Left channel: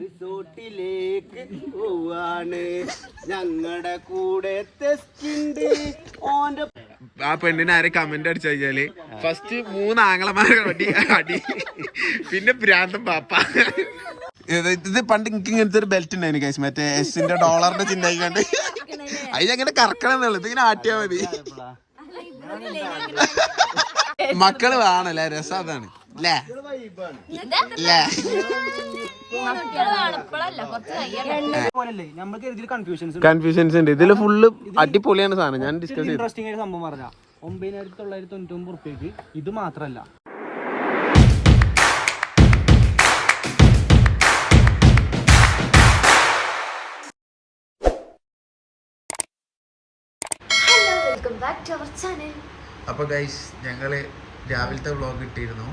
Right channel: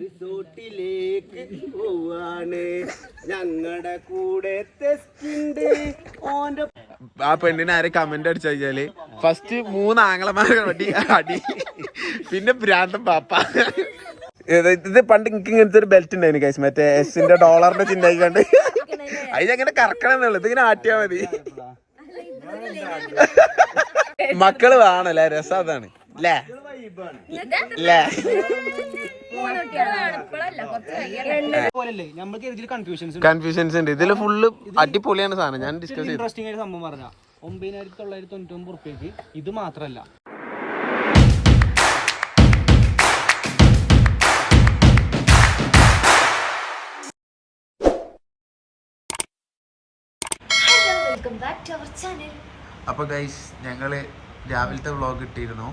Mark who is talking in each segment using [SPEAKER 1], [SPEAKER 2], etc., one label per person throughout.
[SPEAKER 1] റിസോർട്ടിലേക്ക് പോവാണ്. ഞങ്ങളുടെ കൂടെ തെസ്റ്റുണ്ട് ഓന്റെ
[SPEAKER 2] ആ പെണ്ണിനെ ആരെ കമന്റ് അടിച്ചു കഴിഞ്ഞാൽ ഫസ്റ്റ് മൂന്ന് ആംഗ്ലമാരെ അടി അടി. പിന്നെ ഭ്രാന്തം പാപ്പ. ഇത് പണ്ട് എനിക്ക് ഇങ്ങനത്തെ ഒരു ബെൽറ്റ് ഉണ്ടായിരുന്നു കൈസ് മറ്റേ എസിന്റെ ഡോളറിന്റെ ചിഹ്നം കണ്ട്. അതിനങ്ങനെ കറക്കണം എന്നുള്ളത്. ഇതിങ്ങനെ ആട്ടിയാ മതി. മക്കൾ വേണല്ലേ രസം അതാണ്. ല്ലേ? ല്ലേ?
[SPEAKER 1] പോലല്ലേ നമ്മൾക്ക് ഇതിൽ കൺഫ്യൂഷൻസ്
[SPEAKER 2] കൺഫ്യൂഷൻസ് ഉണ്ട്. ഇതിൽ ഫുള്ള് അടിപൊളിയാണ് സാധനം. ഞാൻ ഡിസ്കസ്
[SPEAKER 1] ഇൻട്രസ്റ്റിംഗ് ആയിട്ട് സംഭവം പറഞ്ഞ ഒമ്പതിനായിരത്തി തൊള്ളായിരത്തി തൊണ്ണൂറ്റി ഒമ്പത് റുപ്യക്ക് ഇത് മാത്രല്ല.
[SPEAKER 3] Hello welcome back to our channel
[SPEAKER 2] അപ്പൊ ഗൈസ് ഞങ്ങൾ രാവിലത്തെ വ്ളോഗ് ഇട്ടിരുന്നു.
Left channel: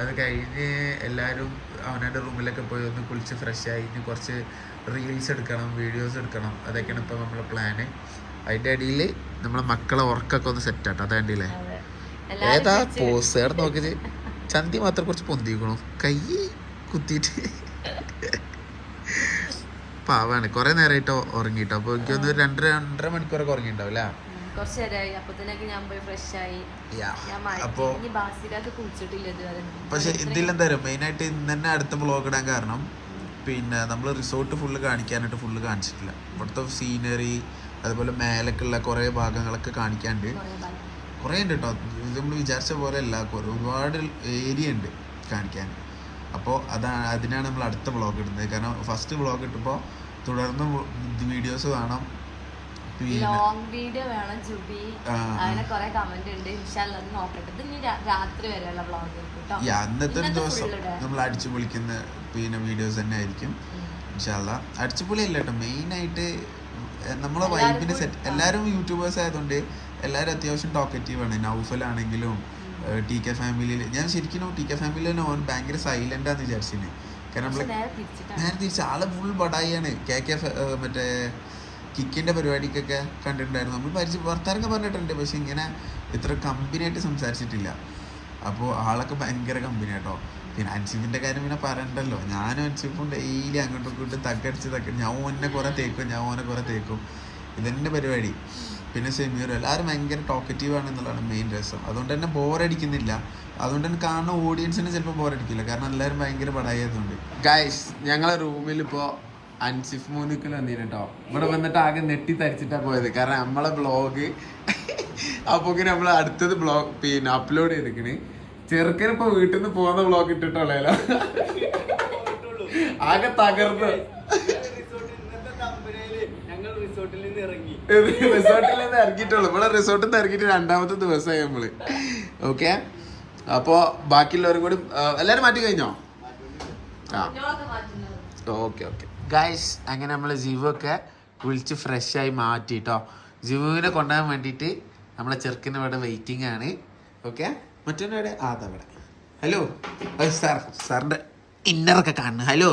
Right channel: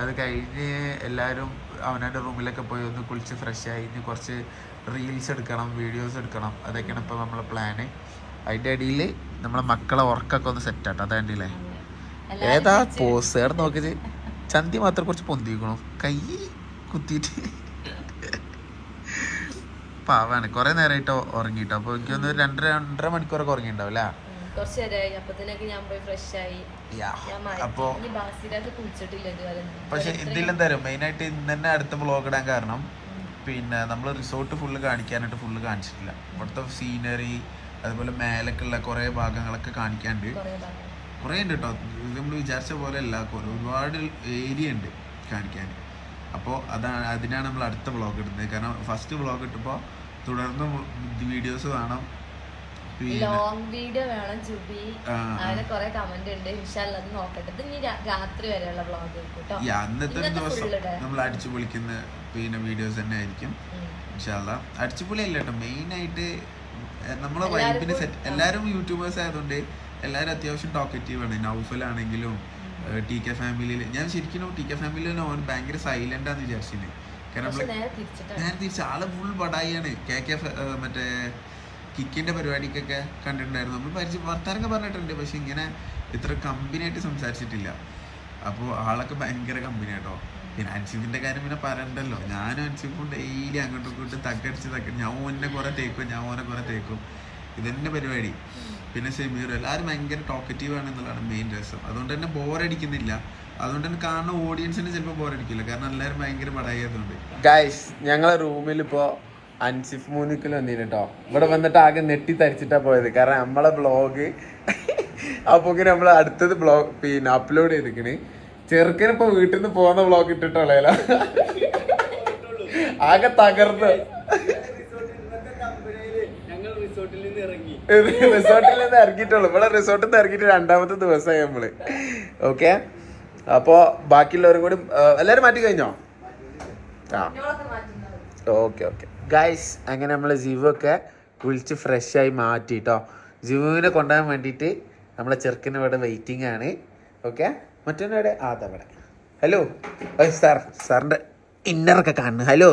[SPEAKER 2] അത് കഴിഞ്ഞ് എല്ലാവരും അവനവന്റെ റൂമിലൊക്കെ പോയി ഒന്ന് കുളിച്ച് ഫ്രഷ് ആയി ഇനി കുറച്ച് റീൽസ് എടുക്കണം വീഡിയോസ് എടുക്കണം. അതൊക്കെയാണ് ഇപ്പോൾ നമ്മളെ പ്ലാന് അതിന്റെ ഇടയിൽ നമ്മളെ മക്കളെ ഉറക്കൊക്കെ ഒന്ന് സെറ്റ് ആട്ടോ. അതാണ്ടില്ലേ ഏതാ പോസ് ഏടെ നോക്കിയത്? ചന്തി മാത്രം കുറച്ച് പൊന്തിക്കണു. കൈ കുത്തിയിട്ട്. പാവാണ്. കുറേ നേരമായിട്ട് ഉറങ്ങിട്ടോ. അപ്പോൾ എനിക്കൊന്ന് രണ്ടര രണ്ടര മണിക്കൂറൊക്കെ ഉറങ്ങിണ്ടാവും അല്ലേ?
[SPEAKER 3] കുറച്ച് നേരമായി അപ്പത്തിനൊക്കെ ഞാൻ പോയി ഫ്രഷ് ആയി. ഞാൻ ബാസിലൊക്കെ കുളിച്ചിട്ടില്ല
[SPEAKER 2] പക്ഷെ ഇതിലെന്തായാലും പറയുക മെയിനായിട്ട് ഇന്ന് തന്നെ അടുത്ത ബ്ലോഗ് ഇടാൻ കാരണം പിന്നെ നമ്മൾ റിസോർട്ട് ഫുള്ള് കാണിക്കാനായിട്ട് ഫുള്ള് കാണിച്ചിട്ടില്ല. ഇവിടുത്തെ സീനറി അതുപോലെ മേലൊക്കെയുള്ള കുറേ ഭാഗങ്ങളൊക്കെ കാണിക്കാണ്ട്
[SPEAKER 3] കുറേ
[SPEAKER 2] ഉണ്ട് കേട്ടോ ഇത് നമ്മൾ വിചാരിച്ച പോലെ അല്ല ഒരുപാട് ഏരിയ ഉണ്ട് കാണിക്കാൻ. അപ്പോൾ അതാണ് അതിനാണ് നമ്മൾ അടുത്ത ബ്ലോഗ് ഇടുന്നത്. കാരണം ഫസ്റ്റ് ബ്ലോഗ് ഇട്ടപ്പോൾ തുടർന്ന് വീഡിയോസ് പിന്നെ
[SPEAKER 3] ലോങ് വീഡിയോ വേണം ജുബി. അങ്ങനെ കുറെ കമന്റ് ഉണ്ട്. ഇൻഷാല്ല അത് നോക്കട്ടെ. ഇത് ഇനി രാത്രി വരെയുള്ള വ്ളോഗ് കേട്ടോ
[SPEAKER 2] അന്നത്തെ ദിവസം നമ്മൾ അടിച്ചു പൊളിക്കുന്ന പിന്നെ വീഡിയോസ് തന്നെ ആയിരിക്കും. ഇൻഷാല്ല അടിച്ചുപൊളി അല്ല കേട്ടോ മെയിൻ ആയിട്ട് നമ്മളെ വൈബിന് സെറ്റ് എല്ലാവരും യൂട്യൂബേഴ്സ് ആയതുകൊണ്ട് എല്ലാവരും അത്യാവശ്യം ടോക്കറ്റീവ് ആണ്. നൗഫൽ ആണെങ്കിലും ടി കെ ഫാമിലിയിൽ ഞാൻ ശരിക്കും ടി കെ ഫാമിലിയിൽ ഓൻ ഭയങ്കര സൈലന്റ് ആന്ന് വിചാരിച്ചിന്. കാരണം
[SPEAKER 3] ഞാൻ
[SPEAKER 2] നമ്മൾ
[SPEAKER 3] നേരെ തിരിച്ചിട്ടാണ്.
[SPEAKER 2] തിരിച്ച് ആൾ ഫുൾ ബടായിയാണ് കെ കെ മറ്റേ കിക്കിന്റെ പരിപാടിക്കൊക്കെ കണ്ടിട്ടുണ്ടായിരുന്നു. നമ്മൾ പരിചയം വർത്താനൊക്കെ പറഞ്ഞിട്ടുണ്ട്. പക്ഷെ ഇങ്ങനെ ഇത്ര കമ്പനിയായിട്ട് സംസാരിച്ചിട്ടില്ല. അപ്പോൾ ആളൊക്കെ ഭയങ്കര കമ്പനി കേട്ടോ പിന്നെ അൻസിഫിന്റെ കാര്യം പിന്നെ പറയണ്ടല്ലോ. ഞാനും അൻസിഫും ഡെയിലി അങ്ങോട്ടും ഇങ്ങോട്ടും തക്കടിച്ച് തക്ക ഞാൻ ഓനെ കുറേ തേക്കും ഞാൻ ഓനെ കുറേ തേക്കും. ഇതെന്റെ പരിപാടി. പിന്നെ സെമീർ എല്ലാവരും ഭയങ്കര ടോക്കറ്റീവ് ആണ് എന്നുള്ളതാണ് മെയിൻ രസം. അതുകൊണ്ട് തന്നെ ബോറടിക്കുന്നില്ല അതുകൊണ്ട് തന്നെ കാണുന്ന ഓഡിയൻസിന് ചിലപ്പോൾ ബോറടിക്കില്ല കാരണം എല്ലാവരും ഭയങ്കര പടായതുകൊണ്ട് ഗൈസ് ഞങ്ങളെ റൂമിൽ ഇപ്പോൾ അൻസിഫ് മൂന്നിക്കൽ വന്നില്ല കേട്ടോ ഇവിടെ വന്നിട്ട് ആകെ നെട്ടി തരിച്ചിട്ടാ പോയത്. കാരണം നമ്മളെ ബ്ലോഗ് അപ്പൊ നമ്മൾ അടുത്തത് ബ്ലോഗ് പിന്നെ അപ്ലോഡ് ചെയ്തിക്കണ് ചെറുക്കനിപ്പോ വീട്ടിൽ നിന്ന് പോകുന്ന ബ്ലോഗ് ഇട്ടിട്ടുള്ള ആകെ തകർന്ന്.
[SPEAKER 1] റിസോർട്ടിൽ നിന്ന്
[SPEAKER 2] ഇറങ്ങിയിട്ടുള്ളൂ. ഇവിടെ റിസോർട്ടിൽ നിന്ന് ഇറങ്ങിയിട്ട് രണ്ടാമത്തെ ദിവസമായി നമ്മൾ. ഓക്കെ അപ്പോ ബാക്കിയുള്ളവരും കൂടി എല്ലാരും മാറ്റി കഴിഞ്ഞോ? ആ. Okay okay. ഗൈസ് അങ്ങനെ നമ്മൾ ജീവൊക്കെ വിളിച്ച് ഫ്രഷായി മാറ്റി കേട്ടോ ജിവുവിനെ കൊണ്ടുപോകാൻ വേണ്ടിയിട്ട് നമ്മളെ ചെറുക്കിന് ഇവിടെ വെയിറ്റിംഗ് ആണ്. ഓക്കെ മറ്റൊന്നിവിടെ അതവിടെ ഹലോ സാർ സാറിന്റെ ഇന്നറൊക്കെ കാണുന്നു. ഹലോ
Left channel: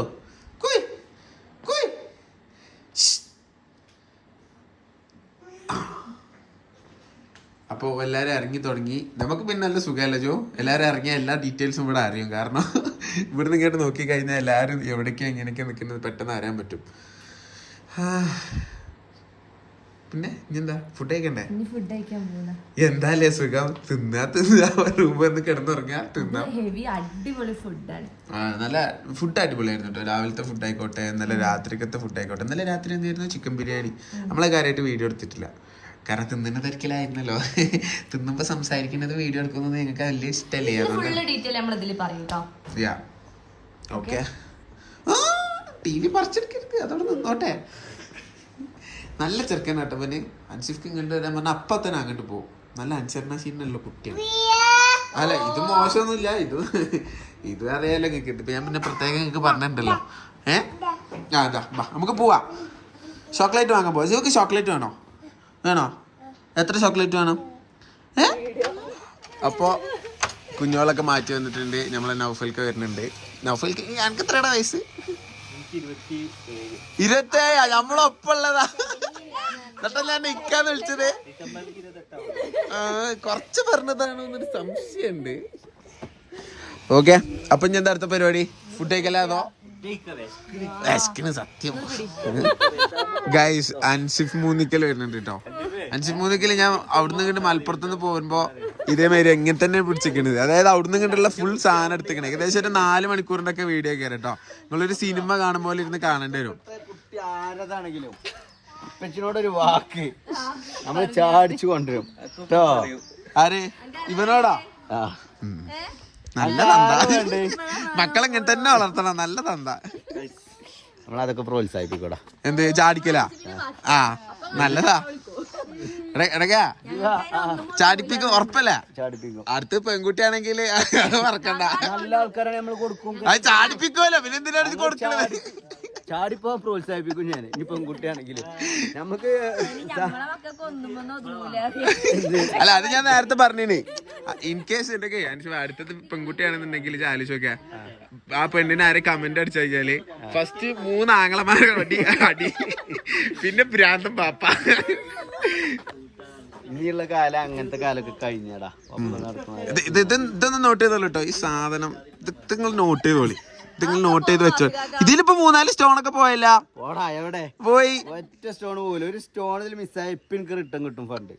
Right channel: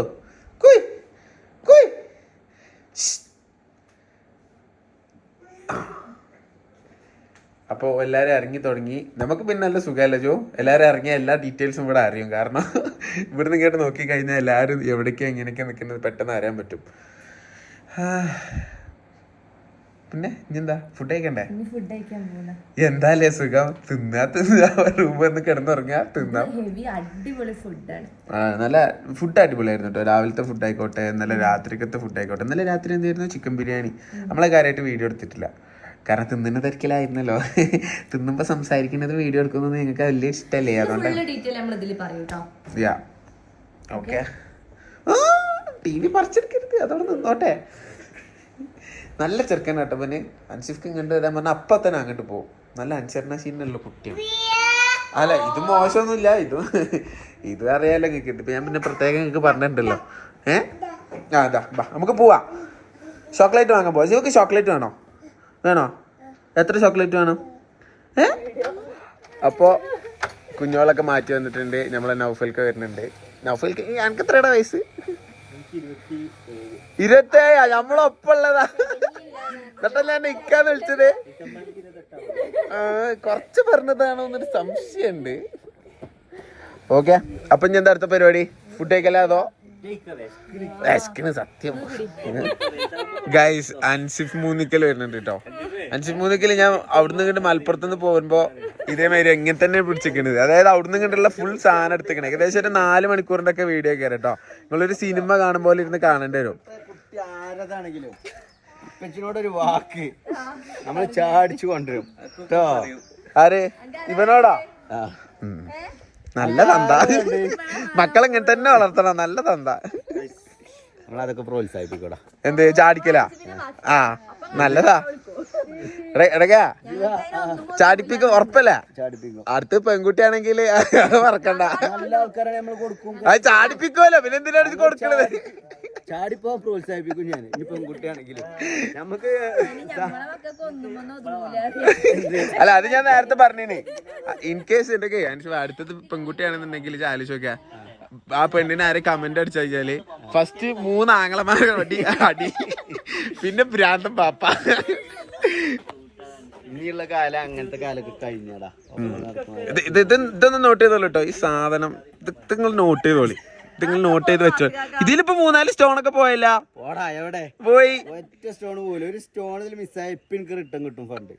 [SPEAKER 2] അപ്പോൾ എല്ലാവരും ഇറങ്ങി തുടങ്ങി. നമുക്ക് പിന്നെ നല്ല സുഖമല്ല ജോ? എല്ലാവരും ഇറങ്ങിയ എല്ലാ ഡീറ്റെയിൽസും ഇവിടെ അറിയും. കാരണം ഇവിടുന്ന് കേട്ട് നോക്കി കഴിഞ്ഞാൽ എല്ലാവരും എവിടേക്കും എങ്ങനെയൊക്കെ നിൽക്കുന്നത് പെട്ടെന്ന് അറിയാൻ പറ്റും. പിന്നെ ഇനി എന്താ? ഫുഡ് കഴിക്കണ്ടേ? എന്താല്ലേ സുഖം? തിന്നാ തിന്നാ. റൂമിൽ വന്ന് കിടന്നുറങ്ങാ തിന്നാ.
[SPEAKER 3] അടിപൊളി ഫുഡാണ്
[SPEAKER 2] ആ, നല്ല ഫുഡ് അടിപൊളിയായിരുന്നു കേട്ടോ. രാവിലത്തെ ഫുഡ് ആയിക്കോട്ടെ നല്ല രാത്രിക്കത്തെ ഫുഡ് ആയിക്കോട്ടെ. നല്ല രാത്രി എന്തായിരുന്നു? ചിക്കൻ ബിരിയാണി. നമ്മളെ കാര്യമായിട്ട് വീഡിയോ എടുത്തിട്ടില്ല. കാരണം തിന്നുന്ന തിരക്കിലായിരുന്നല്ലോ. തിന്നുമ്പോ സംസാരിക്കുന്നത് വീഡിയോ എടുക്കുന്നത് നിങ്ങൾക്ക് വലിയ ഇഷ്ടമല്ലേ അതുകൊണ്ട്
[SPEAKER 3] കേട്ടോ
[SPEAKER 2] യാ ഓക്കെ ടി വി പറിച്ചെടുക്കരുത്. അതോടെ നിന്നോട്ടെ. നല്ല ചെറുക്കൻ കേട്ടപ്പന് അൻസിഫ്ക്ക് ഇങ്ങോട്ട് വരാൻ പറഞ്ഞാൽ അപ്പൊ തന്നെ അങ്ങോട്ട് പോകും നല്ല അനുസരണശീലനുള്ള കുട്ടിയാണ് അല്ല ഇത് മോശമൊന്നുമില്ല. ഇത് ഇത് അറിയാലോ നിങ്ങൾക്ക്. ഇതിപ്പോ ഞാൻ പിന്നെ പ്രത്യേകം നിങ്ങൾക്ക് പറഞ്ഞിട്ടുണ്ടല്ലോ. ഏ? ആ അതാ നമുക്ക് പോവാം. ചോക്ലേറ്റ് വാങ്ങാൻ പോവാം. ചോക്ലേറ്റ് വേണോ? വേണോ? എത്ര ചോക്ലേറ്റ് വേണം? ഏ? അപ്പോൾ കുഞ്ഞോളൊക്കെ മാറ്റി വന്നിട്ടുണ്ട്. നമ്മളെ നൗഫൽക്ക് വരുന്നുണ്ട്. നൗഫൽക്ക് എനിക്ക് എത്രയുടെ വയസ്സ്? ഇരുപത്തേഴാ. നമ്മളൊപ്പുള്ളതാ എന്നിട്ടല്ല എന്നെ ഇക്കാന്ന് വിളിച്ചത്? കുറച്ച് പറഞ്ഞതാണോ എന്നൊരു സംശയമുണ്ട്. ഓക്കെ. അപ്പൊ ഞാൻ എന്താ അടുത്ത പരിപാടി? ഫുഡ് കഴിക്കല്ലേ അതോ? വിശക്കണ് സത്യം. ഗൈസ് അൻസിഫ് മൂന്നിക്കൽ വരുന്നുണ്ട് കേട്ടോ അൻസിഫ് മൂന്നിക്കൽ ഞാൻ അവിടുന്ന് കണ്ട് മലപ്പുറത്തുനിന്ന് പോകുമ്പോ ഇതേമാതിരി എങ്ങനെ തന്നെ പിടിച്ചിരിക്കണത്. അതായത് അവിടുന്ന് കണ്ടുള്ള ഫുൾ സാധനം എടുത്തിക്കണേ ഏകദേശം ഒരു നാല് മണിക്കൂറിന്റെ ഒക്കെ വീഡിയോ കയറി കേട്ടോ നിങ്ങളൊരു സിനിമ കാണുമ്പോൾ ഇരുന്ന് കാണേണ്ടി വരും.
[SPEAKER 1] ആരതാണെങ്കിലും ഒരു വാക്ക്. നമ്മൾ ചാടിച്ചു കൊണ്ടുവരും. കേട്ടോ
[SPEAKER 2] ആര്? ഇവനോടാ? ഉം. നല്ല തന്ത. മക്കളെ ഇങ്ങനെ തന്നെ വളർത്തണം. നല്ല തന്ത.
[SPEAKER 1] നമ്മളതൊക്കെ പ്രോത്സാഹിപ്പിക്കൂടാ.
[SPEAKER 2] എന്ത് ചാടിക്കലാ? ആ നല്ലതാ. ചാടിപ്പിക്കും ഉറപ്പല്ലേ? അടുത്ത് പെൺകുട്ടിയാണെങ്കിൽ മറക്കണ്ട.
[SPEAKER 1] നല്ല ആൾക്കാരാണ് നമ്മൾ കൊടുക്കും.
[SPEAKER 2] അത് ചാടിപ്പിക്കുമല്ലോ പിന്നെ എന്തിനാണ് കൊടുക്കണത്?
[SPEAKER 1] ചാടിപ്പോ പ്രോത്സാഹിപ്പിക്കും ഞാൻ ഇനി പെൺകുട്ടിയാണെങ്കിൽ നമുക്ക്
[SPEAKER 2] അല്ല അത് ഞാൻ നേരത്തെ പറഞ്ഞിനി. ഇൻ കേസ് ഉണ്ടെങ്കിൽ അനുഷ അടുത്തത് പെൺകുട്ടിയാണെന്നുണ്ടെങ്കിൽ ആലോചിച്ച് നോക്കാ ആ പെണ്ണിനെ ആരെ കമന്റ് അടിച്ചു കഴിഞ്ഞാൽ ഫസ്റ്റ് മൂന്ന് ആങ്ങളമാരെ അടി അടി. പിന്നെ ഭ്രാന്തം പാപ്പ.
[SPEAKER 1] ഇനിയുള്ള കാലം അങ്ങനത്തെ കാലൊക്കെ കഴിഞ്ഞടാ.
[SPEAKER 2] ഇത് ഇത് ഇത് ഇതൊന്ന് നോട്ട് ചെയ്തോളൂ കേട്ടോ ഈ സാധനം ഇത് നിങ്ങൾ നോട്ട് ചെയ്തോളി. നിങ്ങൾ നോട്ട് ചെയ്ത് വെച്ചോ? ഇതിലിപ്പോ മൂന്നാൽ സ്റ്റോൺ ഒക്കെ പോയല്ല.
[SPEAKER 1] പോടാ എവിടെ?
[SPEAKER 2] പോയി.
[SPEAKER 1] ഒറ്റ സ്റ്റോൺ പോലും. ഒരു സ്റ്റോണിൽ മിസ്സായ ഇപ്പൊ എനിക്ക് റിട്ടേൺ കിട്ടും ഫണ്ട്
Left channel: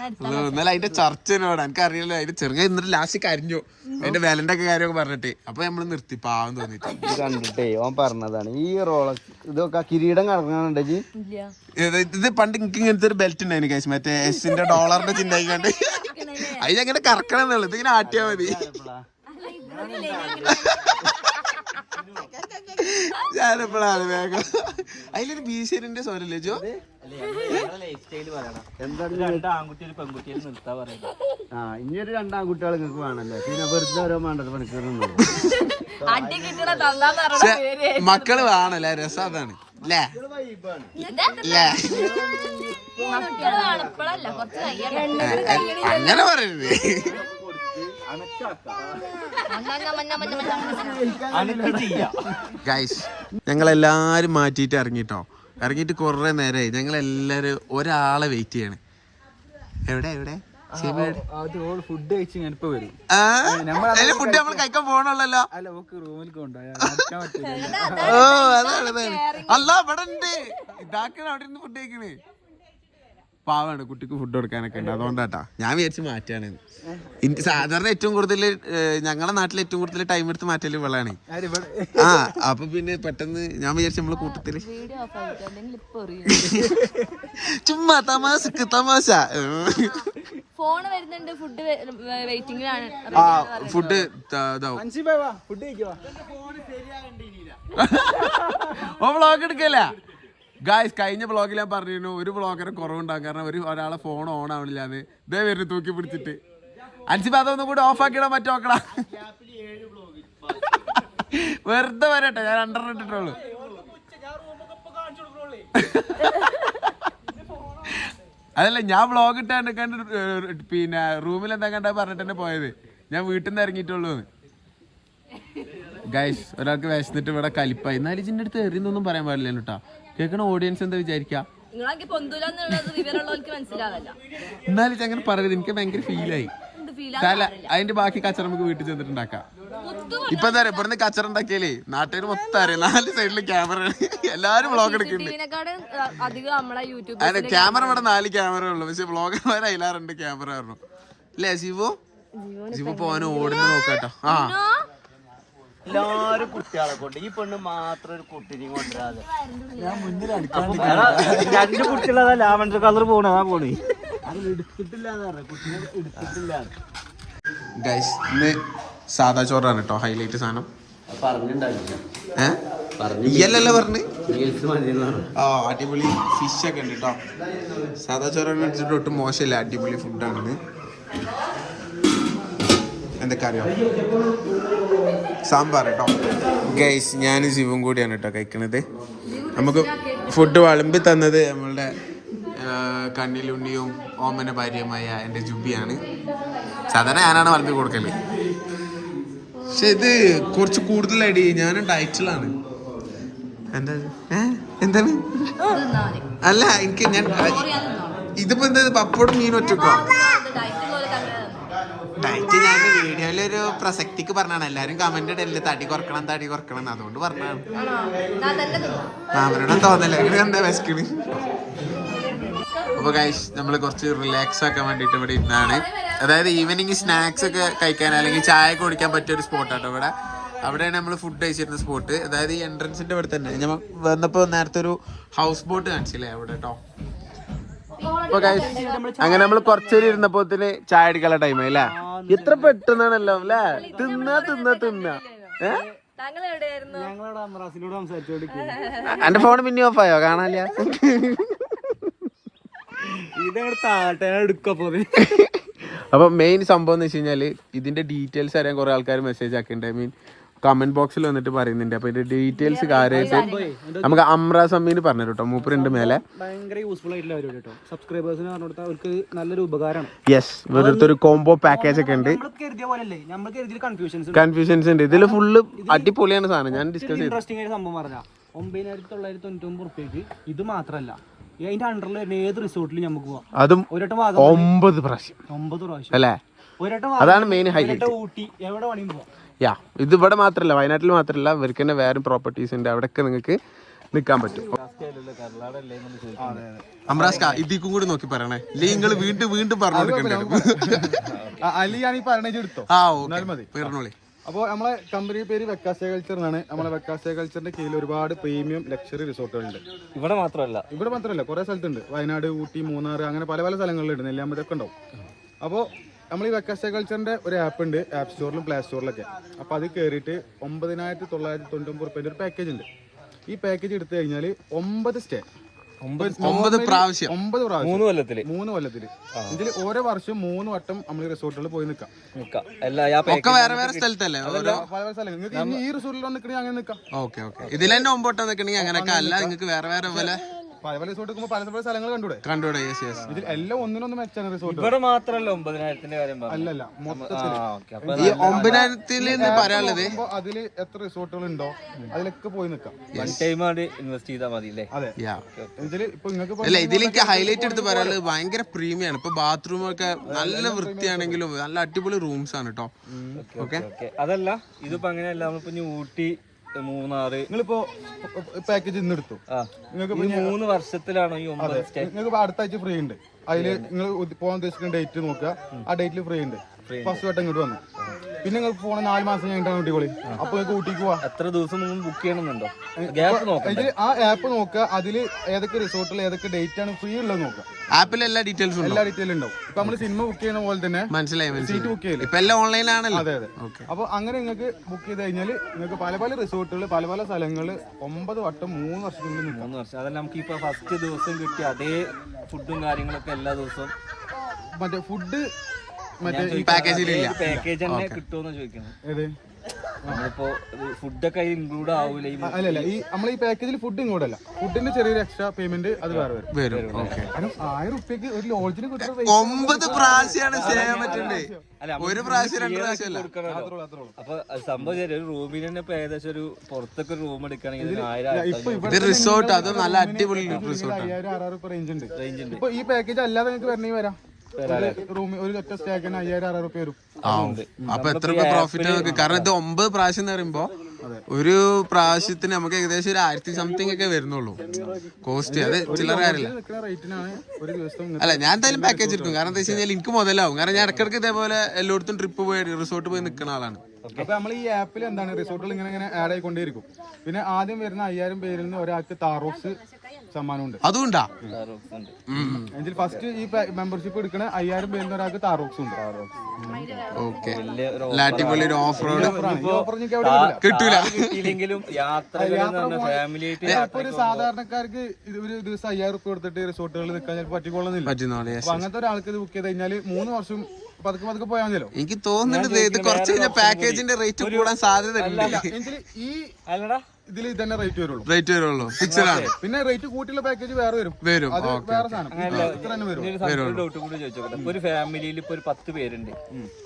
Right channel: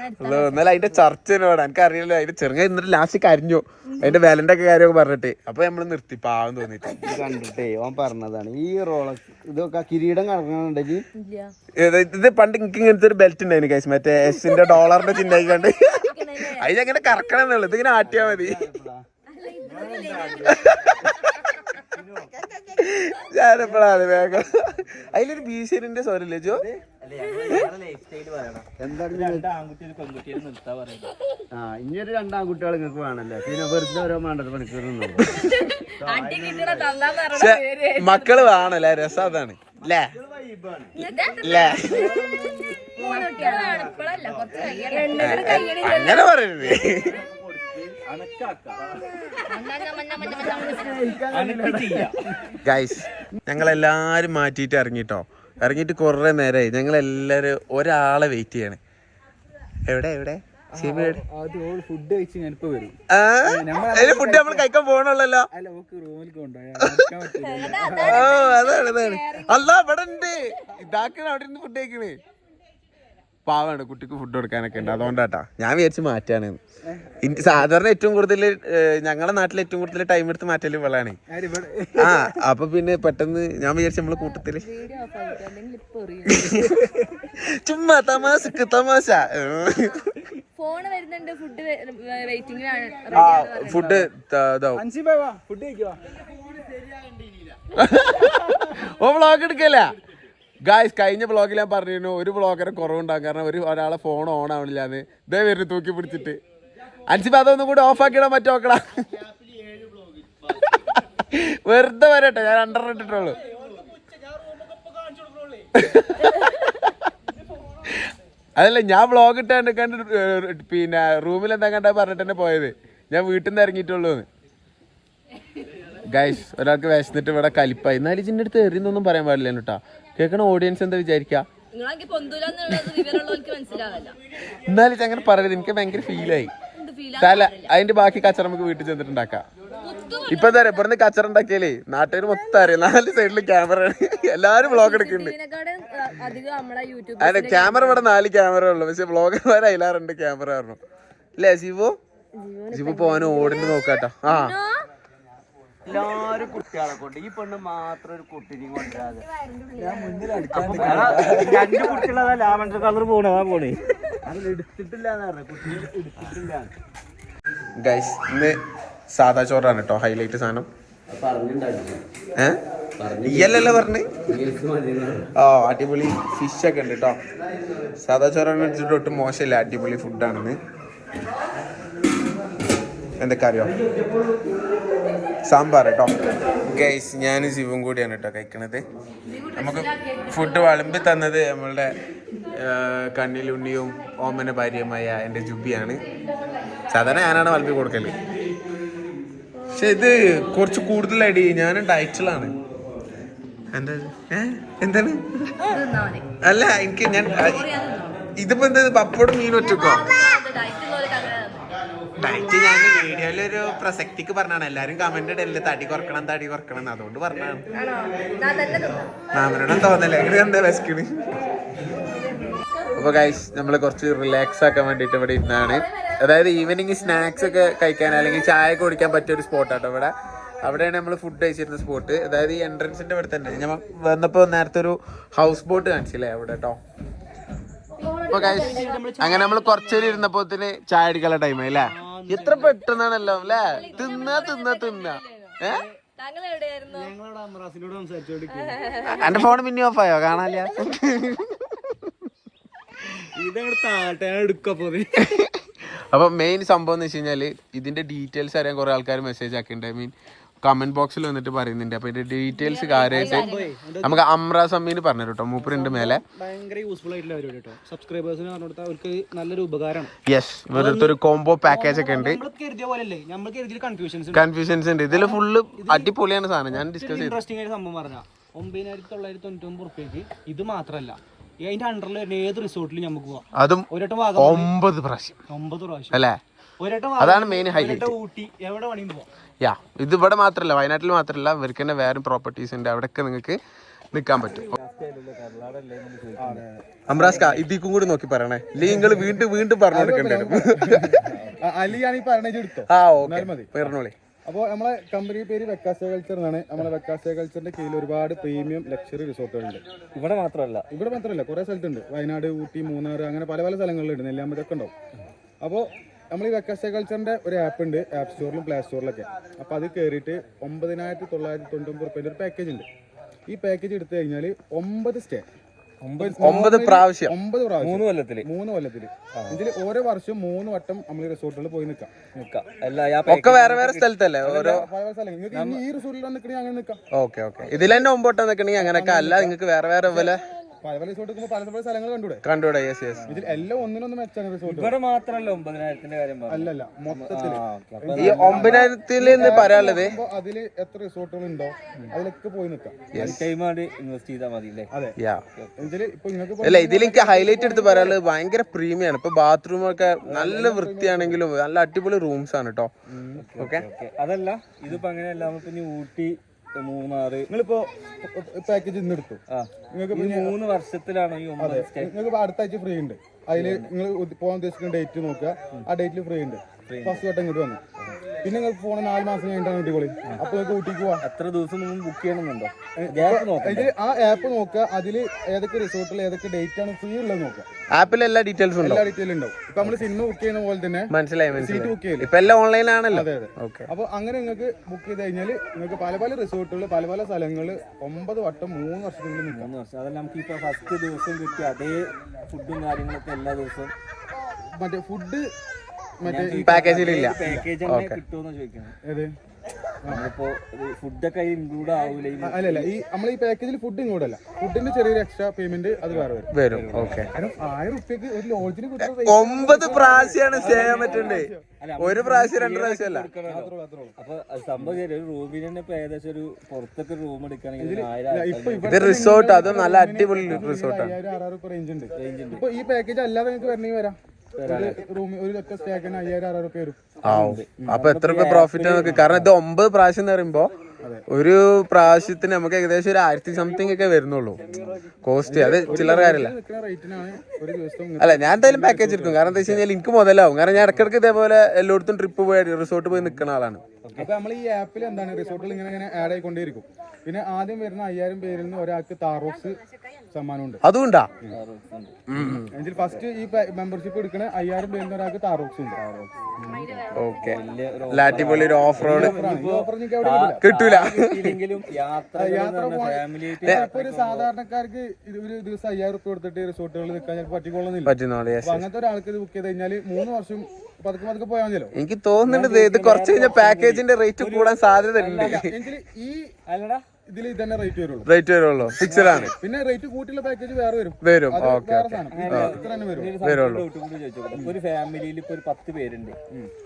[SPEAKER 2] അല്ലോ, എന്നാലും അതിന്റെ ചർച്ചനോട് എനിക്ക് അറിയില്ല അതിന്റെ ചെറുങ്ങ എന്നിട്ട് ലാസ്റ്റ് കരിഞ്ഞു. അതിന്റെ വിലന്റെ ഒക്കെ കാര്യമൊക്കെ പറഞ്ഞിട്ട്. അപ്പൊ നമ്മൾ നിർത്തി. പാവം തോന്നിട്ട്.
[SPEAKER 1] കണ്ടിട്ടേ ഓൻ പറഞ്ഞതാണ്. ഈ റോളക്സ് ഇതൊക്കെ കിരീടം കറങ്ങാനുണ്ടെങ്കിൽ
[SPEAKER 3] ഇല്ല.
[SPEAKER 2] ഇത് ഇത് പണ്ട് എനിക്ക് ഇങ്ങനത്തെ ഒരു ബെൽറ്റ് ഉണ്ടായിരുന്നു കാശ് മറ്റേ എസിന്റെ ഡോളറിന്റെ ചിഹ്നം കണ്ട്. അതിനങ്ങനെ കറക്കണം എന്നുള്ളത് ഇതിങ്ങനെ ആട്ടിയാ മതി. ഞാനെപ്പോഴാണ് വേഗം. അതിലൊരു ഭീഷണിന്റെ സ്വരല്ലേ ജോ?
[SPEAKER 1] ആ ഇനിയൊരു രണ്ടാൺകുട്ടികൾ നിങ്ങൾക്ക് വേണല്ലേ പിന്നെ വെറുതെ ഓരോ വേണ്ടത് പണിക്ക്
[SPEAKER 2] മക്കൾ വേണല്ലേ രസം അതാണ്. അല്ലേ അല്ലേ
[SPEAKER 3] മക്കളാണ് ഇപ്പഴല്ല കുറച്ച് കഴിയണം
[SPEAKER 2] അങ്ങനെ പറയരുത്. ഗൈസ് ഞങ്ങൾ എല്ലാരും മാറ്റിയിട്ട് ഇറങ്ങിട്ടോ. ഇറങ്ങിയിട്ട് കുറെ നേരമായി ഞങ്ങൾ എല്ലാരും ഒരാളെ വെയിറ്റ് ചെയ്യാണ്. എവിടെ എവിടെ?
[SPEAKER 1] ഫുഡ് കഴിച്ച് ഞാനിപ്പോ വരും.
[SPEAKER 2] ഫുഡ് നമ്മൾ കഴിക്കാൻ പോകണല്ലോ
[SPEAKER 1] അല്ല ഓക്ക് റൂമിൽ കൊണ്ടുപോയാ.
[SPEAKER 2] ഓ അതാണ് അതാണ്. അല്ല ഇവിടെ ഉണ്ട് ഇതാക്കണ അവിടെ ഇരുന്ന് ഫുഡ് കഴിക്കണേ. പാവാണ് കുട്ടിക്ക് ഫുഡ് കൊടുക്കാനൊക്കെ ഉണ്ട്. അതുകൊണ്ടാട്ടാ. ഞാൻ വിചാരിച്ച് മാറ്റാണ്. സാധാരണ ഏറ്റവും കൂടുതൽ ഞങ്ങളുടെ നാട്ടിൽ ഏറ്റവും കൂടുതൽ ടൈം എടുത്ത് മാറ്റൽ ഇവളാണ്. ആ അപ്പൊ പിന്നെ പെട്ടെന്ന് ഞാൻ വിചാരിച്ചു നമ്മളെ
[SPEAKER 3] കൂട്ടത്തിൽ
[SPEAKER 2] ചുമ്മാ തമാശക്ക് തമാശ.
[SPEAKER 3] ഫോൺ വരുന്നുണ്ട് ഫുഡ് വെയിറ്റിംഗിലാണ്
[SPEAKER 2] ഫുഡ് ഇതാവും. ഓ വ്ളോഗ് എടുക്കല? ഗായ്സ് കഴിഞ്ഞ വ്ളോഗിൽ ഞാൻ പറഞ്ഞിരുന്നു ഒരു വ്ളോഗറെ കുറവുണ്ടാകും. കാരണം ഒരു ഒരാളെ ഫോൺ ഓൺ ആവണില്ല എന്ന് ഇതേ വരുന്നു തൂക്കി പിടിച്ചിട്ട്. അൻസിബ അതൊന്നും കൂടി ഓഫ് ആക്കിയിടാൻ പറ്റും നോക്കടാ വെറുതെ വരട്ടെ ഞാൻ അണ്ടർ ഇട്ടിട്ടുള്ളൂ. അതല്ല ഞാൻ വ്ളോഗ് ഇട്ടാണ്ട് കണ്ട് പിന്നെ റൂമിൽ എന്താ കണ്ടാ പറഞ്ഞിട്ട് തന്നെ പോയത്. ഞാൻ വീട്ടിൽ നിന്ന് ഇറങ്ങിയിട്ടുള്ളൂ ഗൈസ് ഒരാൾക്ക് വിശന്നിട്ട് ഇവിടെ കലിപ്പായി. എന്നാലും ഇതിന്റെ അടുത്ത് എറിയുന്നൊന്നും പറയാൻ പാടില്ല കേട്ടാ കേൾക്കണ ഓഡിയൻസ് എന്താ വിചാരിക്കാ?
[SPEAKER 3] നിങ്ങളാക്കി പൊന്തൂല എന്നുള്ളത് വിവരമുള്ളവർക്ക് മനസ്സിലാവല്ല.
[SPEAKER 2] എന്നാലും അങ്ങനെ പറയരുത്. എനിക്ക് ഭയങ്കര ഫീലായി തല അതിന്റെ ബാക്കി കച്ചറ നമുക്ക് വീട്ടിൽ ചെന്നിട്ടുണ്ടാക്കാം. ഇപ്പൊ എന്താ പറയാ ഇവിടുന്ന് കച്ചറ ഉണ്ടാക്കിയാലേ നാട്ടുകാർ മൊത്തം അറിയാം. നാല് സൈഡിൽ ക്യാമറ എല്ലാരും വ്ളോഗ് എടുക്കുന്നുണ്ട്. അതെ ക്യാമറ ഇവിടെ നാല് ക്യാമറ ഉള്ളു. പക്ഷെ വ്ളോഗർമാർ അതിലാറുണ്ട് ക്യാമറ പറഞ്ഞു അല്ലേ ശിവു? ശിവു പോവാൻ ഓടുന്നു നോക്കാട്ടോ. ആ.
[SPEAKER 1] എല്ലാരും കുട്ടികളെ കൊണ്ട് ഈ പെണ്ണ് മാത്രം ഒരു കുട്ടിനെയും കൊണ്ടുവരാതെ. രണ്ട് കുട്ടികളാ ലാവൻഡർ കളർ പോണതാ പോണേ. അതിൽ എടുത്തിട്ടില്ല കുട്ടിനെ എടുത്തിട്ടില്ല
[SPEAKER 2] ഗൈസ് ഇന്ന് സാദാ ചോറാണ് കേട്ടോ ഹൈലൈറ്റ് സാധനം. ഇയല്ലല്ലോ പറഞ്ഞ്? ആ അടിപൊളി ഫിഷ് ഒക്കെ ഉണ്ട് കേട്ടോ സാദാ ചോറാണ് വെച്ചിട്ട് ഒട്ടും മോശമില്ല അടിപൊളി ഫുഡാണ് എന്തൊക്കെ അറിയോ? സാമ്പാർ കേട്ടോ. ഗൈസ് ഞാനും ശിവും കൂടിയാണ് കേട്ടോ കഴിക്കണത്. നമുക്ക് ഫുഡ് വിളമ്പി തന്നത് നമ്മളുടെ കണ്ണിലുണ്ണിയും ഓമന ഭാര്യയുമായ എന്റെ ജുബിയാണ്. സാധാരണ ഞാനാണ് വിളമ്പി കൊടുക്കൽ. പക്ഷെ ഇത് കുറച്ച് കൂടുതലടി ഞാൻ ഡയറ്റിലാണ് എന്താ ഏ? എന്താണ്? അല്ല എനിക്ക് ഞാൻ ഇതിപ്പോ എന്താ പപ്പടം മീൻ ഒറ്റക്കോ? ഡയറ്റ് ഞാൻ വീഡിയോയിലൊരു പ്രസക്തിക്ക് പറഞ്ഞാണ് എല്ലാരും കമന്റ് ഇടല്ലേ? തടി കുറക്കണം തടി കുറക്കണം എന്ന് അതുകൊണ്ട് പറഞ്ഞാണ് മാമനോടും അങ്ങനെ എന്താ വിശക്കണ്? അപ്പൊ കൈ നമ്മൾ കുറച്ച് റിലാക്സ് ആക്കാൻ വേണ്ടിട്ട് ഇവിടെ ഇരുന്നാണ്. അതായത് ഈവനിങ് സ്നാക്സ് ഒക്കെ കഴിക്കാൻ അല്ലെങ്കിൽ ചായ ഒക്കെ കുടിക്കാൻ പറ്റിയ ഒരു സ്പോട്ട് ആട്ടോ ഇവിടെ. അവിടെയാണ് നമ്മൾ ഫുഡ് കഴിച്ചിരുന്ന സ്പോട്ട് അതായത് ഈ എൻട്രൻസിന്റെ ഇവിടെ തന്നെ ഞാൻ വന്നപ്പോ നേരത്തെ ഒരു ഹൗസ് ബോട്ട് കാണിച്ചില്ലേ അവിടെ കേട്ടോ അങ്ങനെ നമ്മൾ കുറച്ചേരി ഇരുന്നപ്പോ ചായ അടിക്കാനുള്ള ടൈം അല്ലേ? ഇത്ര പെട്ടെന്നാണല്ലോ അല്ലേ? തിന്ന തിന്ന തിന്ന. എന്റെ ഫോൺ പിന്നെ ഓഫ് ആയോ?
[SPEAKER 1] എടുക്കപ്പോ
[SPEAKER 2] അപ്പൊ മെയിൻ സംഭവം എന്ന് വെച്ച് കഴിഞ്ഞാൽ ഇതിന്റെ ഡീറ്റെയിൽസ് അറിയാൻ കുറെ ആൾക്കാർ മെസ്സേജ് ആക്കണ്ടേ മീൻ കമന്റ് ബോക്സിൽ വന്നിട്ട് പറയുന്നുണ്ട്. അപ്പൊ ഇതിന്റെ ഡീറ്റെയിൽസ് കാര്യമായിട്ട് നമുക്ക് അമ്ര സമീന് പറഞ്ഞു കേട്ടോ മൂപ്പറിന്റെ മേലെ.
[SPEAKER 1] ഭയങ്കര യൂസ്ഫുൾ ആയിട്ടുള്ള പരിപാടി കേട്ടോ സബ്സ്ക്രൈബേഴ്സിന് പറഞ്ഞു കൊടുത്താൽ അവർക്ക് നല്ലൊരു ഉപകാരമാണ്.
[SPEAKER 2] യെസ് ഇവിടുത്തെ ഒരു കോംബോ പാക്കേജ് ഒക്കെ ഉണ്ട്.
[SPEAKER 1] കൺഫ്യൂഷൻസ്
[SPEAKER 2] കൺഫ്യൂഷൻസ് ഉണ്ട്. ഇതിൽ ഫുള്ള് അടിപൊളിയാണ് സാധനം. ഞാൻ ഡിസ്കസ് ചെയ്തു.
[SPEAKER 1] ഇൻട്രസ്റ്റിംഗ് ആയിട്ട് സംഭവം പറഞ്ഞാൽ ഒമ്പതിനായിരത്തി തൊള്ളായിരത്തി തൊണ്ണൂറ്റി ഒമ്പത് റുപ്യക്ക് ഇത് മാത്രമല്ല ഈ അതിന്റെ അണ്ടറിൽ വരുന്ന ഏത് റിസോർട്ടിലും നമുക്ക് പോവാം.
[SPEAKER 2] അതും
[SPEAKER 1] ഒരട്ടം
[SPEAKER 2] ഒമ്പത് പ്രാവശ്യം.
[SPEAKER 1] ഒമ്പത് പ്രാവശ്യം.
[SPEAKER 2] അല്ലേ?
[SPEAKER 1] ഒരട്ടം
[SPEAKER 2] അതാണ് മെയിൻ ഹൈലൈറ്റ്
[SPEAKER 1] ഒരട്ടം ഊട്ടി എവിടെ വേണമെങ്കിലും പോവാം.
[SPEAKER 2] യാ ഇത് ഇവിടെ മാത്രല്ല വയനാട്ടിൽ മാത്രല്ല ഇവർക്ക് തന്നെ വേറെ പ്രോപ്പർട്ടീസ് ഉണ്ട് അവിടെയൊക്കെ നിങ്ങൾക്ക് നിൽക്കാൻ പറ്റും. അമ്രാസ്ക ഇതിക്കും കൂടി നോക്കി പറയണേ. നിങ്ങൾ വീണ്ടും വീണ്ടും പറഞ്ഞു കൊടുക്കണ്ടേ
[SPEAKER 4] അലിയാണ് ഈ പറഞ്ഞ എടുത്തോ?
[SPEAKER 2] ആ ഓക്കെ. പറഞ്ഞോളി.
[SPEAKER 4] അപ്പോൾ നമ്മളെ കമ്പനി പേര് വെക്കാസ്യ കൾച്ചർ എന്നാണ്. നമ്മളെ വെക്കാസ്യ കൾച്ചറിന്റെ കീഴിൽ ഒരുപാട് പ്രീമിയം ലക്ഷറി റിസോർട്ടുകളുണ്ട്
[SPEAKER 1] ഇവിടെ മാത്രമല്ല.
[SPEAKER 4] ഇവിടെ മാത്രമല്ല കുറേ സ്ഥലത്തുണ്ട്. വയനാട് ഊട്ടി മൂന്നാർ അങ്ങനെ പല പല സ്ഥലങ്ങളിലുണ്ട്. നെല്ലിയാമ്പതൊക്കെ ഉണ്ടാവും. അപ്പോൾ നമ്മൾ ഈ വെക്കാസ്റ്റേ കൾച്ചറിന്റെ ഒരു ആപ്പ് ഉണ്ട് ആപ്പ് സ്റ്റോറിലും പ്ലേ സ്റ്റോറിലൊക്കെ അപ്പോൾ അത് കയറിയിട്ട് ഒമ്പതിനായിരത്തി തൊള്ളായിരത്തി തൊണ്ണൂറ്റൊമ്പത് റുപ്യന്റെ ഒരു പാക്കേജ് ഉണ്ട്. ഈ പാക്കേജ് എടുത്തു കഴിഞ്ഞാൽ ഒമ്പത് സ്റ്റേ
[SPEAKER 2] ഒമ്പത് പ്രാവശ്യം.
[SPEAKER 4] ഒമ്പത് പ്രാവശ്യം.
[SPEAKER 1] മൂന്ന് കൊല്ലത്തിൽ.
[SPEAKER 4] മൂന്ന് കൊല്ലത്തിൽ. ഇതിൽ ഓരോ വർഷം മൂന്ന് വട്ടം നമ്മൾ റിസോർട്ടുകളിൽ പോയി നിൽക്കാം
[SPEAKER 1] നിൽക്കാം എല്ലാ ആ
[SPEAKER 2] ഒക്കെ വേറെ വേറെ സ്ഥലത്തല്ലേ? ഓരോ
[SPEAKER 4] നിങ്ങൾക്ക് ഈ റിസോർട്ടിൽ നിൽക്കണെങ്കിൽ അങ്ങനെ നിൽക്കാം
[SPEAKER 2] ഓക്കെ ഓക്കെ. ഇതിൽ തന്നെ ഒമ്പോട്ടം നിൽക്കണെങ്കിൽ അങ്ങനെയൊക്കെ അല്ല നിങ്ങൾക്ക് വേറെ വേറെ പോലെ
[SPEAKER 4] പല പല റിസോർട്ട് നിൽക്കുമ്പോൾ പല പല സ്ഥലങ്ങൾ കണ്ടൂടെ?
[SPEAKER 2] കണ്ടുകൂടെ യെസ് യെസ്
[SPEAKER 4] ഇതിൽ എല്ലാം ഒന്നിനൊന്ന് മെച്ചാണ് റിസോർട്ട്
[SPEAKER 1] ഇവിടെ ഒമ്പതിനായിരത്തിന്റെ കാര്യം
[SPEAKER 4] അല്ലല്ല മൊത്തത്തിൽ
[SPEAKER 2] ഈ ഒമ്പതിനായിരത്തിൽ പറയാനുള്ളത്?
[SPEAKER 4] എത്ര റിസോർട്ടുകൾ ഉണ്ടോ അതിലൊക്കെ പോയി നിൽക്കാം.
[SPEAKER 1] ടൈം ഇൻവെസ്റ്റ് ചെയ്താൽ മതി
[SPEAKER 4] അതെ.
[SPEAKER 2] യാ
[SPEAKER 4] ഇതിൽ ഇപ്പൊ നിങ്ങൾക്ക്
[SPEAKER 2] അല്ല ഇതിലേക്ക് ഹൈലൈറ്റ് എടുത്ത് പറയാനുള്ളത് ഭയങ്കര പ്രീമിയാണ് ഇപ്പൊ ബാത്റൂം ഒക്കെ നല്ല വൃത്തിയാണെങ്കിലും നല്ല അടിപൊളി റൂംസ് ആണ് കേട്ടോ ഓക്കെ
[SPEAKER 1] ഓക്കെ. അതല്ല ഇതിപ്പോ അങ്ങനെയല്ല നമ്മളിപ്പോ ഊട്ടി മൂന്നാറ്.
[SPEAKER 4] നിങ്ങളിപ്പോ പാക്കേജ് ഇന്ന് എടുത്തു? നിങ്ങൾക്ക്
[SPEAKER 1] മൂന്ന് വർഷത്തിലാണോ ഈ
[SPEAKER 4] നിങ്ങൾക്ക് അടുത്ത ആഴ്ച ഫ്രീ ഉണ്ട്. അതിൽ നിങ്ങൾ പോകാൻ ഉദ്ദേശിക്കുന്ന ഡേറ്റ് നോക്കുക. ആ ഡേറ്റിൽ ഫ്രീ ഉണ്ട്. ഫസ്റ്റ് വട്ടം ഇങ്ങോട്ട് വന്നു. പിന്നെ നിങ്ങൾക്ക് പോണ നാല് മാസം കഴിഞ്ഞിട്ടാണ് ഊട്ടിക്കോളി അപ്പൊ നിങ്ങൾക്ക് ഊട്ടിക്ക് പോവാ.
[SPEAKER 1] എത്ര ദിവസം മുമ്പ് ബുക്ക് ചെയ്യണമെന്നുണ്ടോ? ഗ്യാപ്പ് നോക്കാം
[SPEAKER 4] ആ ആപ്പ് നോക്കുക. അതിൽ ഏതൊക്കെ റിസോർട്ടിൽ ഏതൊക്കെ ഡേറ്റ് ആണ് ഫ്രീ ഉള്ളത് നോക്കുക.
[SPEAKER 2] ആപ്പിൽ എല്ലാ ഡീറ്റെയിൽസും
[SPEAKER 4] എല്ലാ ഡീറ്റെയിലും ഉണ്ടാവും. ഇപ്പൊ നമ്മൾ സിനിമ ബുക്ക് ചെയ്യുന്ന പോലെ തന്നെ
[SPEAKER 2] മനസ്സിലായി
[SPEAKER 4] സീറ്റ് ബുക്ക് ചെയ്യില്ല
[SPEAKER 2] ഇപ്പൊ എല്ലാം ഓൺലൈൻ ആണല്ലോ.
[SPEAKER 4] അതെ അതെ.
[SPEAKER 2] ഓക്കെ
[SPEAKER 4] അപ്പോൾ അങ്ങനെ നിങ്ങൾക്ക് ബുക്ക് ചെയ്ത് കഴിഞ്ഞാൽ നിങ്ങൾക്ക് പല പല റിസോർട്ടുകൾ പല പല സ്ഥലങ്ങൾ ഒമ്പത് വട്ടം മൂന്ന് വർഷത്തിനുള്ളിൽ നിൽക്കാം.
[SPEAKER 1] മൂന്ന് വർഷം. അതല്ല നമുക്ക് ഇപ്പൊ ഫസ്റ്റ് ദിവസം കിട്ടിയ അതേ ഫുഡും കാര്യങ്ങളൊക്കെ എല്ലാ ദിവസവും
[SPEAKER 4] മറ്റേ ഫുഡ് മറ്റേ ഈ
[SPEAKER 2] പാക്കേജിലില്ല
[SPEAKER 1] പാക്കേജ് തന്നെ കിട്ടുമെന്ന് ചോദിക്കുന്നത്. നമ്മളിപ്പോ ഫുഡൊക്കെ ഇൻക്ലൂഡ് ആവൂല ഈ
[SPEAKER 4] അല്ല അല്ല. ഈ നമ്മൾ ഈ പാക്കേജിൽ ഫുഡ് ഇങ്ങോട്ടല്ല ഫുഡിന്റെ ചെറിയൊരു എക്സ്ട്രാ പേയ്മെന്റ് അത് വേറെ വരും.
[SPEAKER 2] വരും. ഓക്കെ
[SPEAKER 4] ആയിരം റുപ്യക്ക് ഒരു ലോഡ്ജിന്
[SPEAKER 2] ഒമ്പത് പ്രാവശ്യമാണ് ചെയ്യാൻ പറ്റണ്ടേ
[SPEAKER 1] അല്ല,
[SPEAKER 2] ഒരു പ്രാവശ്യം രണ്ട് പ്രാവശ്യം അല്ല.
[SPEAKER 1] അപ്പൊ അത് സംഭവം ശരി ഒരു റൂമിന് തന്നെ ഇപ്പൊ ഏകദേശം ഒരു പുറത്തൊക്കെ ഒരു റൂം എടുക്കുകയാണെങ്കിൽ ആയിരം
[SPEAKER 2] ഇത് റിസോർട്ട് അത് നല്ല അടിപൊളി റിസോർട്ട്
[SPEAKER 4] അയ്യായിരം ആറായിരം റേഞ്ച് ഉണ്ട്.
[SPEAKER 1] റേഞ്ച് ഉണ്ട്.
[SPEAKER 4] ഇപ്പൊ ഈ പാക്കേജ് അല്ലാതെ നിങ്ങൾക്ക് വരണമെങ്കിൽ വരാം. റൂമിൽ ഒരു ഒറ്റ സ്റ്റേക്കിന് അയ്യായിരം ആറായിരം റുപ്യ വരും.
[SPEAKER 2] ആ അപ്പൊ എത്ര രൂപ പ്രോഫിറ്റ് നമുക്ക് കാരണം ഇത് ഒമ്പത് പ്രാവശ്യം എന്ന് പറയുമ്പോ ഒരു പ്രാവശ്യത്തിന് നമുക്ക് ഏകദേശം ഒരു ആയിരത്തി സംതിങ് ഒക്കെ വരുന്നുള്ളൂ. കോസ്റ്റ് അത് ചില്ലറ കാര്യമില്ല.
[SPEAKER 4] റേറ്റിനാണ് ഒരു ദിവസം
[SPEAKER 2] അല്ല ഞാൻ എന്തായാലും പാക്കേജ് എടുക്കും. കാരണം എന്താ വെച്ച് കഴിഞ്ഞാൽ എനിക്ക് മുതലാവും. കാരണം ഞാൻ ഇടയ്ക്കിടയ്ക്ക് ഇതേപോലെ എല്ലായിടത്തും ട്രിപ്പ് പോയി റിസോർട്ട് പോയി നിൽക്കുന്ന ആളാണ്.
[SPEAKER 4] അപ്പൊ നമ്മൾ ഈ ആപ്പിൽ എന്താണ്? റിസോർട്ടിൽ ഇങ്ങനെ ഇങ്ങനെ ആഡ് ആയിക്കൊണ്ടേയിരിക്കും. പിന്നെ ആദ്യം വരുന്ന അയ്യായിരം പേരിൽ നിന്ന് ഒരാൾക്ക് താറോക്സ് സമ്മാനമുണ്ട്.
[SPEAKER 2] അതുകൊണ്ടാ?
[SPEAKER 1] ഉണ്ട്.
[SPEAKER 4] എങ്കിൽ ഫസ്റ്റ് ഈ മെമ്പർഷിപ്പ് എടുക്കണ അയ്യായിരം പേരുന്ന ഒരാൾക്ക് താറോക്സ് ഉണ്ട്.
[SPEAKER 2] ഓക്കെ
[SPEAKER 1] വലിയ ഒരു
[SPEAKER 2] ഓഫ് റോഡ് കിട്ടൂല.
[SPEAKER 1] യാത്ര ഫാമിലി ആയിട്ട്
[SPEAKER 4] ഒരു സാധാരണക്കാർക്ക് ഒരു ദിവസം അയ്യായിരം റുപ്യ കൊടുത്തിട്ട് റിസോർട്ടുകളിൽ നിൽക്കാൻ ചിലപ്പോൾ പറ്റിക്കൊള്ളുന്നില്ല അങ്ങനത്തെ ഒരാൾക്ക് ഇത് ബുക്ക് ചെയ്ത് കഴിഞ്ഞാൽ മൂന്ന് വർഷം പതുക്കെ പതുക്കെ പോയാൽ മതിയല്ലോ.
[SPEAKER 2] എനിക്ക് തോന്നുന്നുണ്ട് ഇത് കുറച്ച് കഴിഞ്ഞാൽ പാക്കേജിന്റെ റേറ്റ് കൂടാൻ സാധ്യത ഉണ്ട്
[SPEAKER 4] ഈ
[SPEAKER 1] അല്ലടാ.
[SPEAKER 4] ഇതിൽ ഇതന്നെ റേറ്റ് വരുള്ളൂ.
[SPEAKER 2] റേറ്റ് വരുള്ളൂ. ഫിക്സഡ് ആണ്.
[SPEAKER 4] പിന്നെ റേറ്റ് കൂട്ടിയുള്ള പാക്കേജ് വേറെ വരും.
[SPEAKER 2] വരും. ഓക്കെ
[SPEAKER 4] വേറെ സാധനം. ഇത് ഇത്ര തന്നെ വരും
[SPEAKER 5] ഡൗട്ട് കൂടി ചോദിച്ചോട്ടെ ഇപ്പൊ ഒരു ഫാമിലിയിൽ ഇപ്പൊ ഒരു പത്ത് പേരുണ്ട്.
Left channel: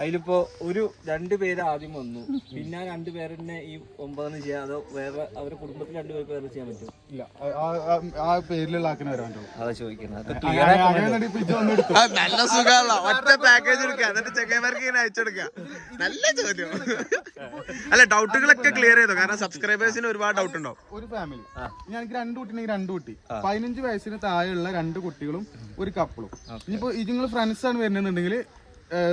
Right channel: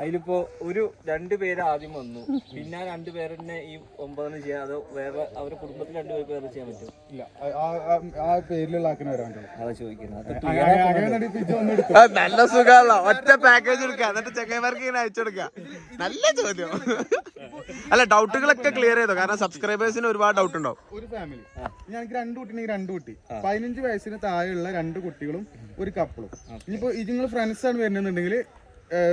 [SPEAKER 5] അതിലിപ്പോ ഒരു രണ്ട് പേര് ആദ്യം വന്നു. പിന്നെ രണ്ട് പേരെന്നെ ഈ ഒമ്പതെന്ന് ചെയ്യാം അതോ വേറെ അവരുടെ കുടുംബത്തിൽ രണ്ട് പേര് പേര് ചെയ്യാൻ പറ്റും
[SPEAKER 4] ഇല്ല. ആ- പേരിലുള്ള ആക്കിന് വരാൻ
[SPEAKER 5] അതാ ചോദിക്കുന്നത്.
[SPEAKER 2] നല്ല സുഖമുള്ള ഒറ്റ പാക്കേജ് എടുക്കുക എന്നിട്ട് ചെക്കന്മാർക്ക് ഇങ്ങനെ അയച്ചു കൊടുക്കുക നല്ല ചോദ്യം. അല്ല ഡൗട്ടുകളൊക്കെ ക്ലിയർ ചെയ്തോ? കാരണം സബ്സ്ക്രൈബേഴ്സിന് ഒരുപാട് ഡൗട്ട് ഉണ്ടാവും.
[SPEAKER 4] ഒരു ഫാമിലി ഇനി എനിക്ക് രണ്ട് കുട്ടിനെങ്കിൽ രണ്ട് കുട്ടി. പതിനഞ്ച് വയസ്സിന് താഴെയുള്ള രണ്ട് കുട്ടികളും ഒരു കപ്പിളും ഇനിയിപ്പോ ഇത് നിങ്ങൾ ഫ്രണ്ട്സ് ആണ് വരുന്നുണ്ടെങ്കിൽ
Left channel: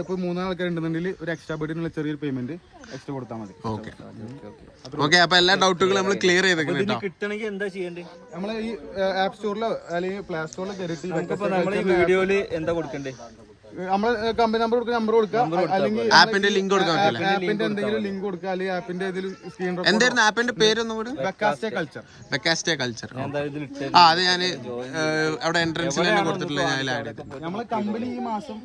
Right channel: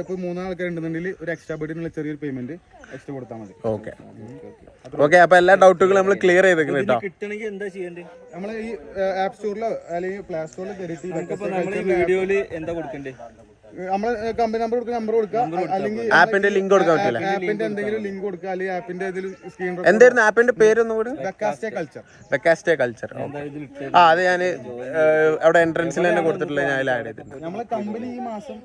[SPEAKER 4] ഇപ്പൊ മൂന്നാൾക്കാരുണ്ടെന്നുണ്ടെങ്കിൽ ഉണ്ടെന്നുണ്ടെങ്കിൽ ഒരു എക്സ്ട്രാ ബെഡിനുള്ള ചെറിയൊരു പേയ്മെന്റ് എക്സ്ട്രാ കൊടുത്താൽ മതി.
[SPEAKER 2] ഓക്കെ. ഓക്കെ അപ്പൊ എല്ലാ ഡൗട്ടുകളും നമ്മൾ ക്ലിയർ ചെയ്തേക്കും കേട്ടോ
[SPEAKER 5] കിട്ടണമെങ്കിൽ എന്താ ചെയ്യേണ്ടത്
[SPEAKER 4] നമ്മളെ ഈ ആപ്പ് സ്റ്റോറിലോ അല്ലെങ്കിൽ പ്ലേ സ്റ്റോറിലോ കയറിയിട്ട്
[SPEAKER 5] വീഡിയോയിൽ എന്താ കൊടുക്കണ്ടേ?
[SPEAKER 4] നമ്മളെ കമ്പനി നമ്പർ കൊടുക്കുക നമ്പർ കൊടുക്കുക അല്ലെങ്കിൽ
[SPEAKER 2] ആപ്പിന്റെ ലിങ്ക് കൊടുക്കാൻ പറ്റില്ല
[SPEAKER 4] ആപ്പിന്റെ എന്തെങ്കിലും ലിങ്ക് കൊടുക്കുക അല്ലെങ്കിൽ ആപ്പിന്റെ ഏതെങ്കിലും സ്ക്രീൻ
[SPEAKER 2] എന്തായിരുന്നു ആപ്പിന്റെ പേരൊന്നും കൂടി?
[SPEAKER 4] ബെക്കാസ്റ്റേ കൾച്ചർ
[SPEAKER 2] ബെക്കാസ്റ്റേ കൾച്ചർ ആ അത് ഞാൻ അവിടെ എൻട്രൻസിൽ തന്നെ കൊടുത്തിട്ടില്ല ഞാൻ ആഡ് ചെയ്തിട്ടുണ്ട്.
[SPEAKER 4] നമ്മളെ കമ്പനി ഈ മാസം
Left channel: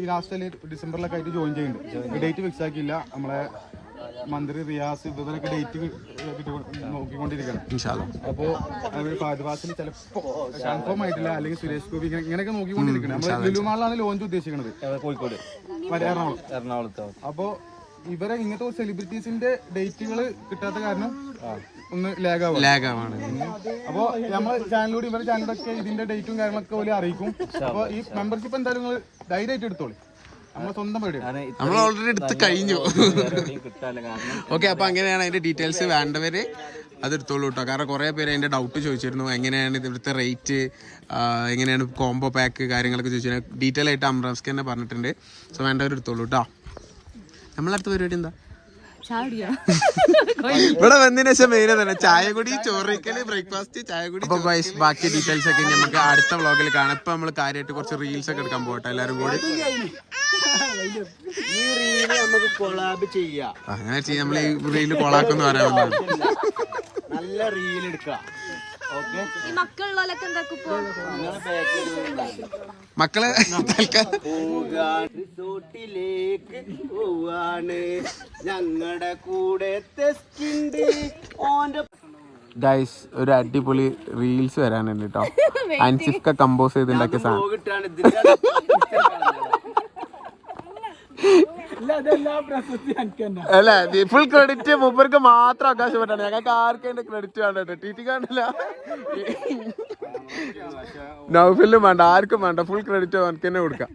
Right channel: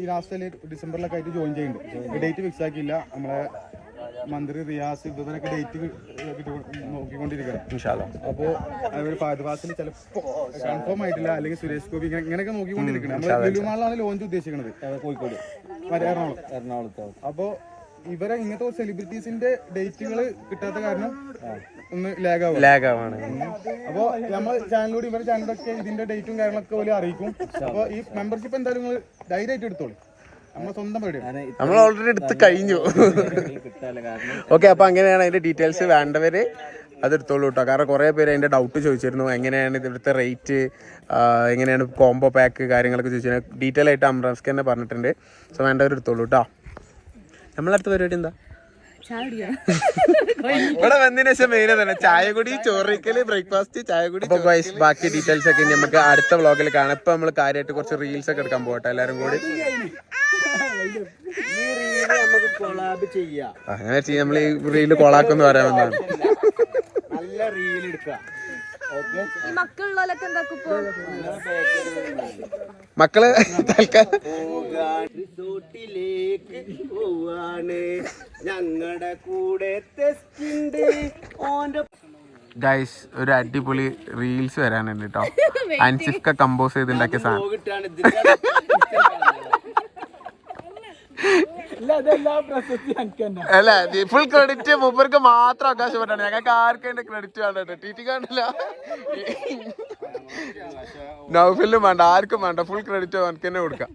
[SPEAKER 4] ഈ ലാസ്റ്റ് ഡിസംബറിലൊക്കെ ആയിട്ട് ജോയിൻ ചെയ്യുന്നുണ്ട് ഡേറ്റ് ഫിക്സ് ആക്കിയില്ല. നമ്മളെ മന്ത്രി റിയാസ് ഇവരൊക്കെ ഡേറ്റ് നോക്കിക്കൊണ്ടിരിക്കണം അപ്പോ അവർ ഫാദ്വാസിൽ ചിലപ്പോ കൺഫേം ആയിട്ടില്ല. അല്ലെങ്കിൽ സുരേഷ് ഗോപി ഇങ്ങനെ ഇങ്ങനെയൊക്കെ നോക്കിക്കൊണ്ടിരിക്കണം നമ്മൾ ലുലുമാളിലാണ് ലോഞ്ച് ഉദ്ദേശിക്കുന്നത്.
[SPEAKER 5] കോഴിക്കോട്?
[SPEAKER 4] എറണാകുളം.
[SPEAKER 5] എറണാകുളത്ത്?
[SPEAKER 4] അപ്പോ ഇവരെ ഇങ്ങനത്തെ സെലിബ്രിറ്റീസിന്റെ ഡേറ്റുകൾ കിട്ടാത്ത കാരണം ഒന്ന് ലാഗ് ആവും.
[SPEAKER 2] ലാഗ് ആവാണ്.
[SPEAKER 4] അപ്പോ നമ്മൾ ചാനലിലൂടെ ഇവരുടെ ചാനലൊക്കെ ഇതിന്റെ ഡേറ്റും കാര്യങ്ങളൊക്കെ പോലെ അറിയിക്കും. അപ്പൊ ഈ മെമ്പർഷിപ്പ് എന്തായാലും നിങ്ങൾ ധൈര്യമായിട്ട് എടുത്തോളി.
[SPEAKER 2] നമ്മൾ ഓൾറെഡി എടുത്ത് കഴിഞ്ഞു. ഓക്കെ അപ്പൊ അങ്ങനെയാണ് അതിന്റെ ഡീറ്റെയിൽസ് വേണ്ടവര് അത് എടുത്തോളൂ കേട്ടോ കാരണം കുറേ പേര് അതിന്റെ ഡൗട്ട് ചോദിച്ചിരുന്നു. എങ്ങനെയാണ് ഇവിടുത്തെ റേറ്റ് എങ്ങനെയാണ് കോംബോ പാക്ക് കാര്യങ്ങളൊക്കെ ചോദിച്ചിരുന്നു ഡീറ്റെയിൽ ആയിട്ട് അമ്രാസ്കന്നെ തന്നെ പറഞ്ഞിട്ടുണ്ട്. സോ വേണ്ടവർ എടുത്തോളൂ കേട്ടോ നമ്മളടുത്ത പരിപാടി എന്താ? ഇവിടെ വന്നതിന് ശേഷം മെയിൻ തന്നെ ചായ കുടി ചോറിക്കൽ ബ്രേക്ക്ഫാസ്റ്റ് ചായ കുടി അപ്പൊ guys, ബാക്കി ഡീറ്റെയിൽസ് ഒക്കെ നമുക്ക് അടുത്ത വ്ളോഗിൽ കാണാം. ഇപ്പൊ നമ്മൾ കാര്യമായിട്ട് കുറച്ച് റീൽസ് ഒക്കെ എടുക്കാൻ പോകട്ടെ എല്ലാരും കൂടി.
[SPEAKER 5] ഈ റീൽ നമുക്ക് കൊളാബ് ചെയ്യാം
[SPEAKER 2] അങ്ങനെ ചെയ്യാം നമ്മൾ ഈ റീൽ കൊളാക്കുന്ന പറയാവുന്നതാണ്
[SPEAKER 5] നല്ല റീൽ എടുക്കാം ഓക്കെ
[SPEAKER 3] മക്കളുള്ളവരൊക്കെ
[SPEAKER 2] മക്കൾ തൽക്കാലം.
[SPEAKER 5] റിസോർട്ടിലേക്ക് പോവാണ്. ഞങ്ങളുടെ കൂടെ
[SPEAKER 2] ഗൈസ് ഒരു അടിപൊളി റീൽസ് വരാനുണ്ട് കേട്ടോ അൻസിഫ്ക കമ്പോസ് ചെയ്തുണ്ടാക്കിയ സാധനം. അല്ല ഫുൾ ക്രെഡിറ്റ് മൂപ്പർക്ക് മാത്രം അവകാശപ്പെട്ടാണ് ഞങ്ങൾക്ക് ആർക്കും ക്രെഡിറ്റ് വേണ്ട ടി ടി കാണില്ല നൗഫിലും വേണ്ട ആർക്കും വേണ്ട. ഫുൾ ക്രെഡിറ്റ് അവർക്ക് തന്നെ കൊടുക്കാം.